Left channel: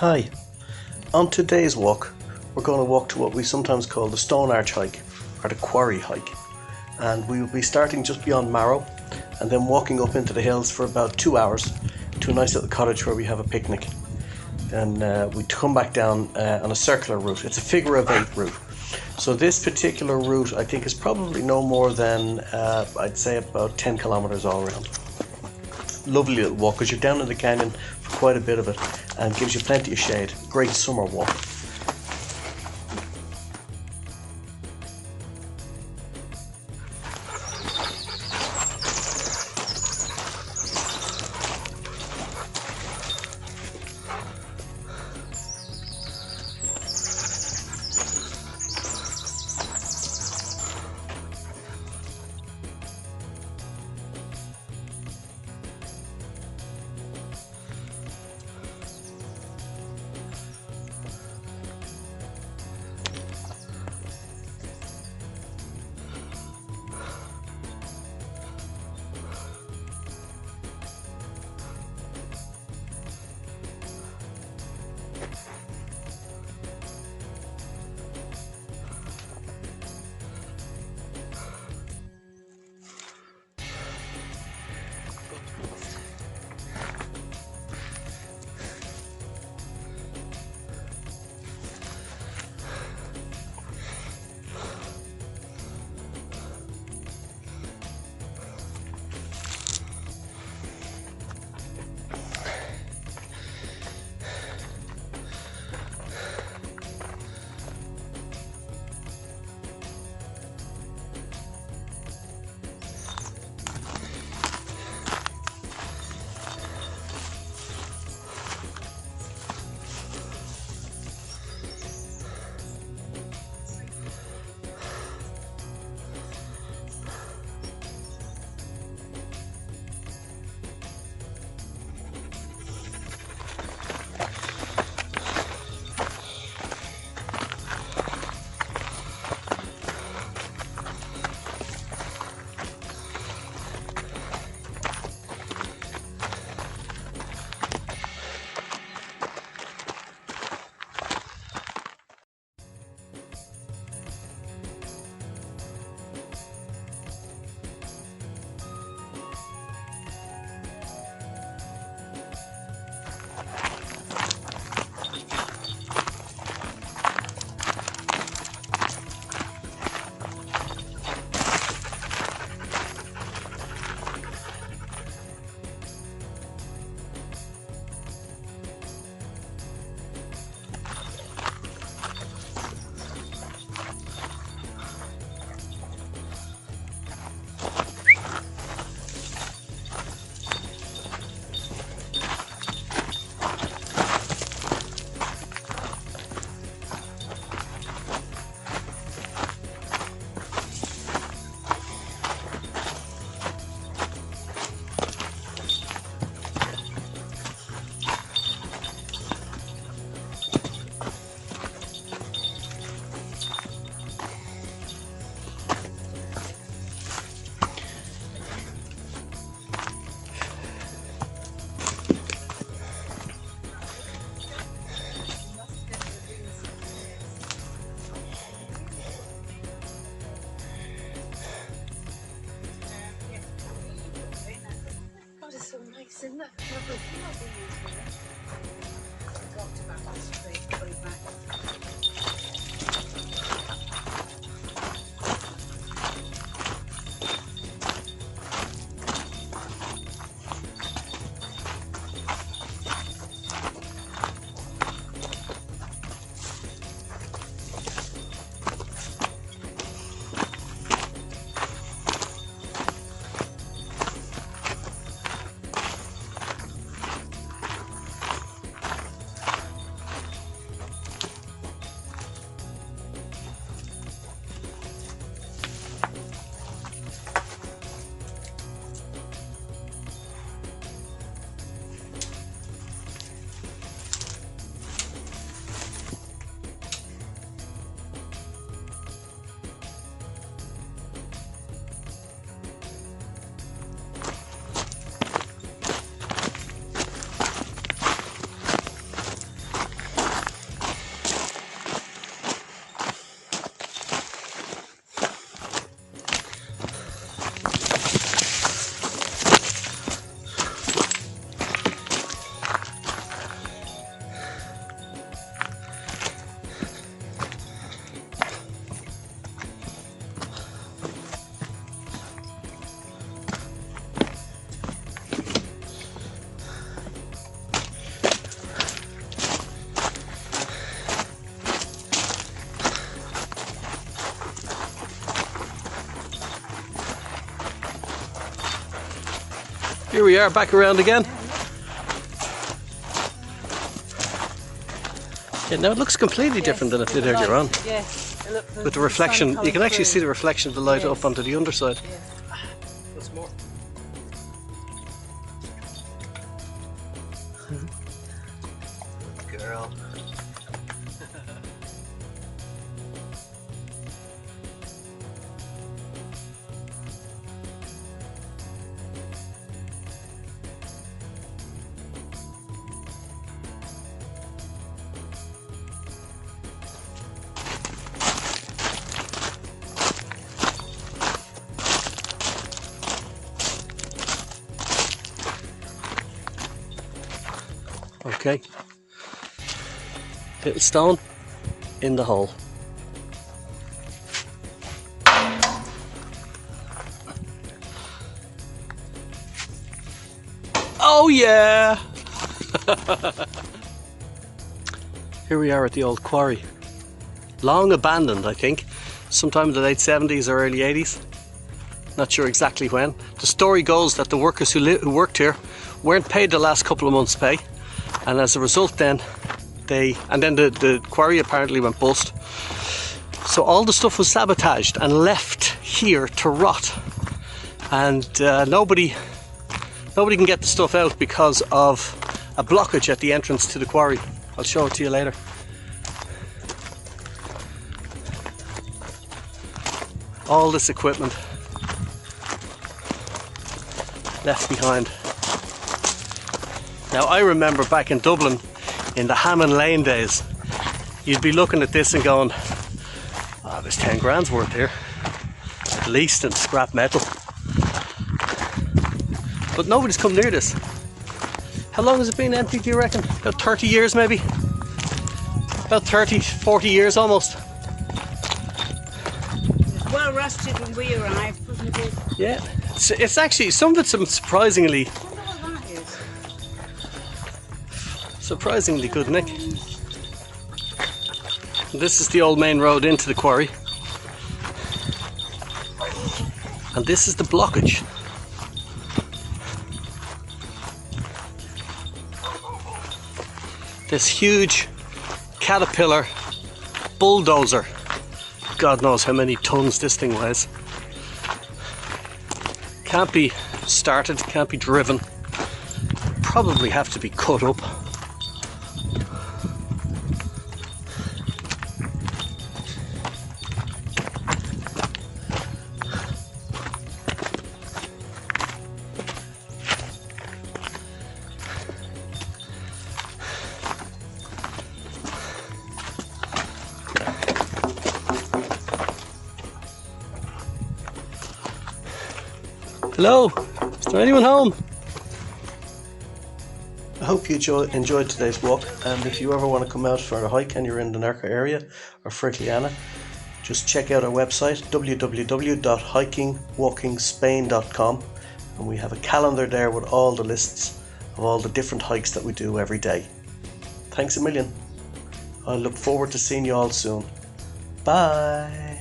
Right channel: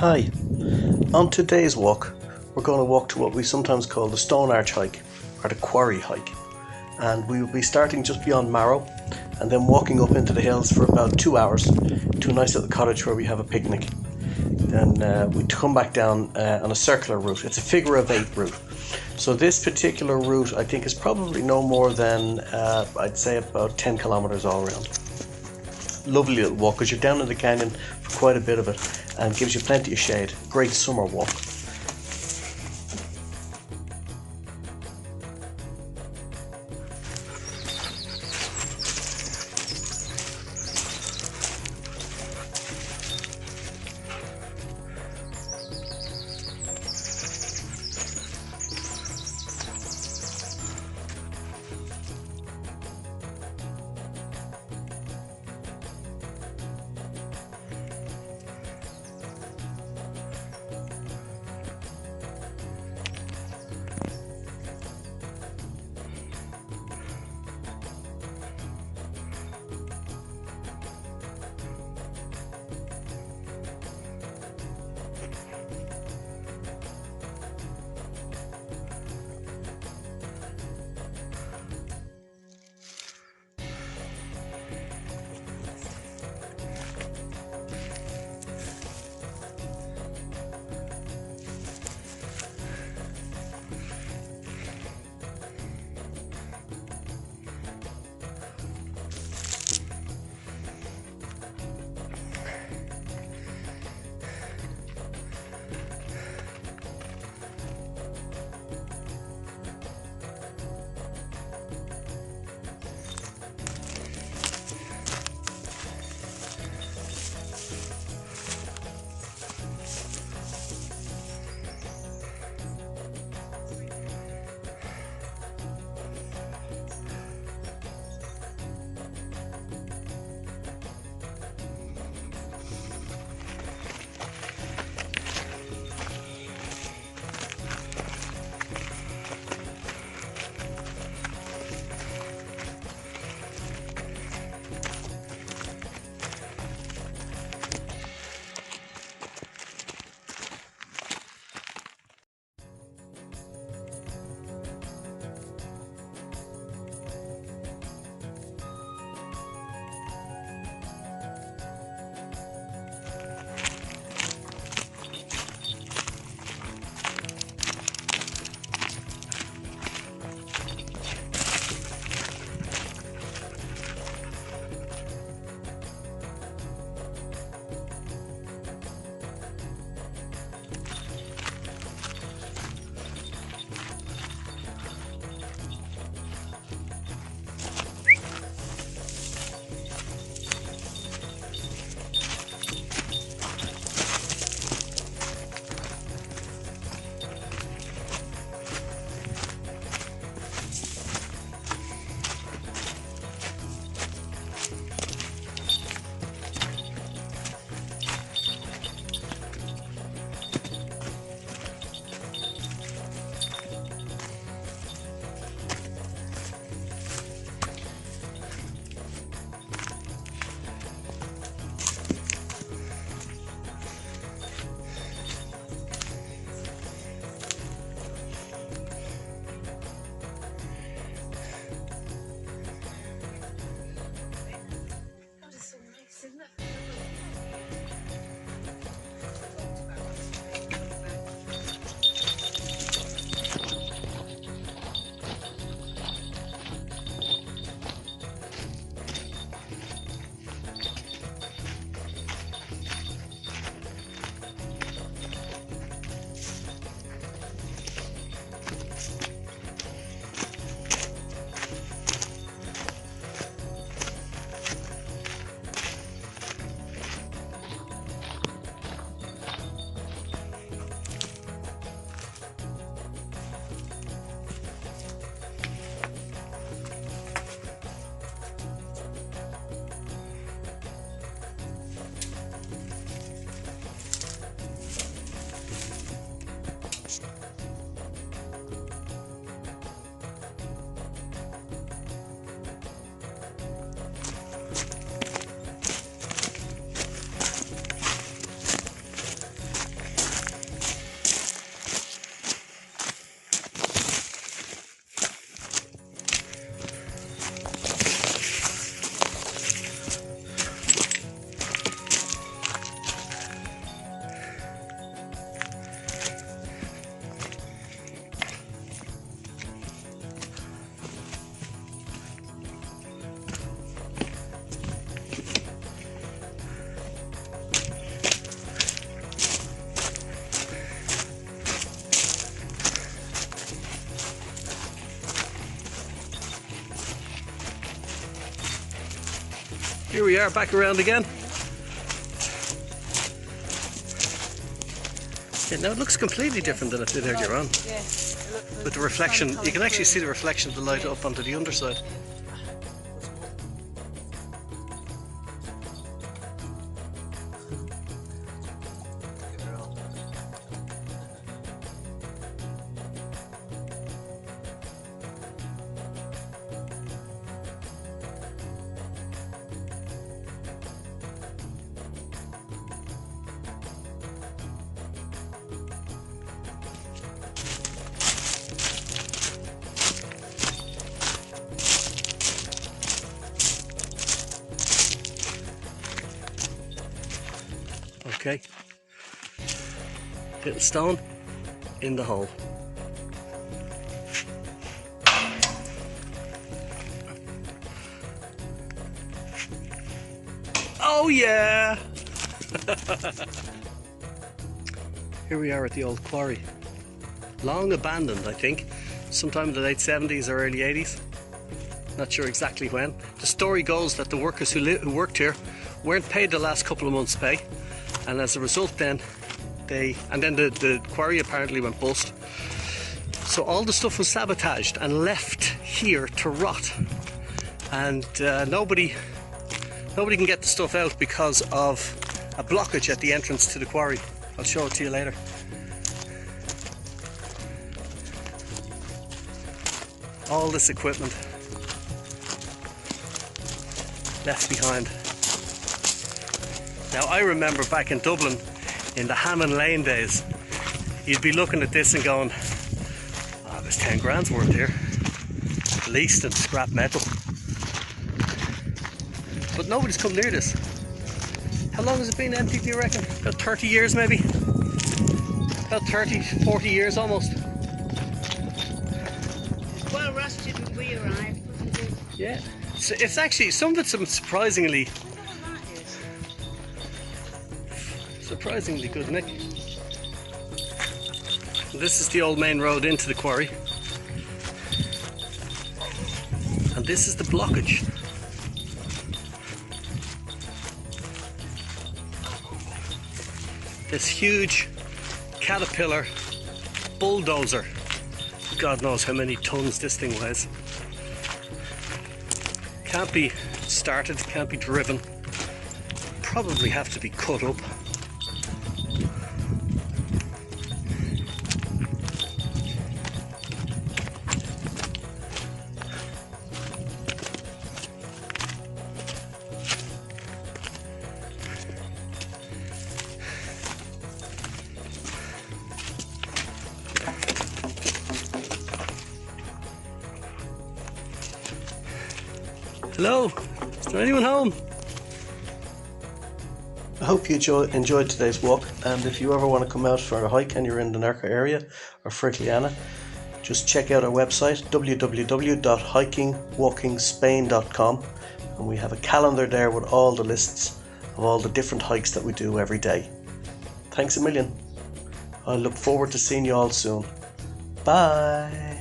Hi, on today's walk, we're going to walk to what we sometimes call the Stone Arch Hike or the Quarry Hike. And we will be starting just beyond Marrow and then walking up into the hills for about 2 hours to a nice little cottage where we have a picnic. Then we come back down on a circular route. It's a figure of eight route. So this particular route I think is probably no more than I'd say about 10 kilometers all around. Lovely little walk because you're down in the canyon for quite a bit of it and gives you plenty of shade. Great summer walk. Here we are, back around again. Yeah, now it looks completely different than it did earlier on. Yes. With the reflection, you can actually see the reflection of the light up onto the underside. Girl. Okay, little stone in the hole. Oh yeah! Here we are at the old quarry. Long abandoned, I think. Sometime in the late 70s or early 80s. Not sure exactly when. The story goes that the workers who worked here weren't paid the last couple of months' pay. And as a result then, the quarry apparently went bust. So all the stuff was sabotaged and left here to rot. And nobody can get the stuff out because of a blockage at the entrance to the quarry. I'll show it to you later. All this equipment left behind. Now I remember back in Dublin in the Hammond Lane days, you'd be looking at this and going, oh, there's 10 grand's worth here, at least in scrap metal. But nobody's come near this. How long has it been empty, do you reckon? About 30 years maybe? About 30, 40 years almost. Well rusted when we arrived, wasn't it? Yeah, it's actually, some of it's surprisingly good, Nick. This is the old main road into the quarry. And this is the blockage. This huge caterpillar bulldozer. God knows how many tons this thing weighs. Can't be started, can't be driven. Probably have to be cut up. Hello, is there anyone home? I hope you enjoyed today's walk, and if you ever want to come out for a hike and you're in the NERJA area or FRIGILIANA, just check out our website www.hikingwalkingspain.com, and we have a calendar there with all the lists of all the different hikes that we do every day. Thanks a million. I look forward to seeing you all soon. Bye.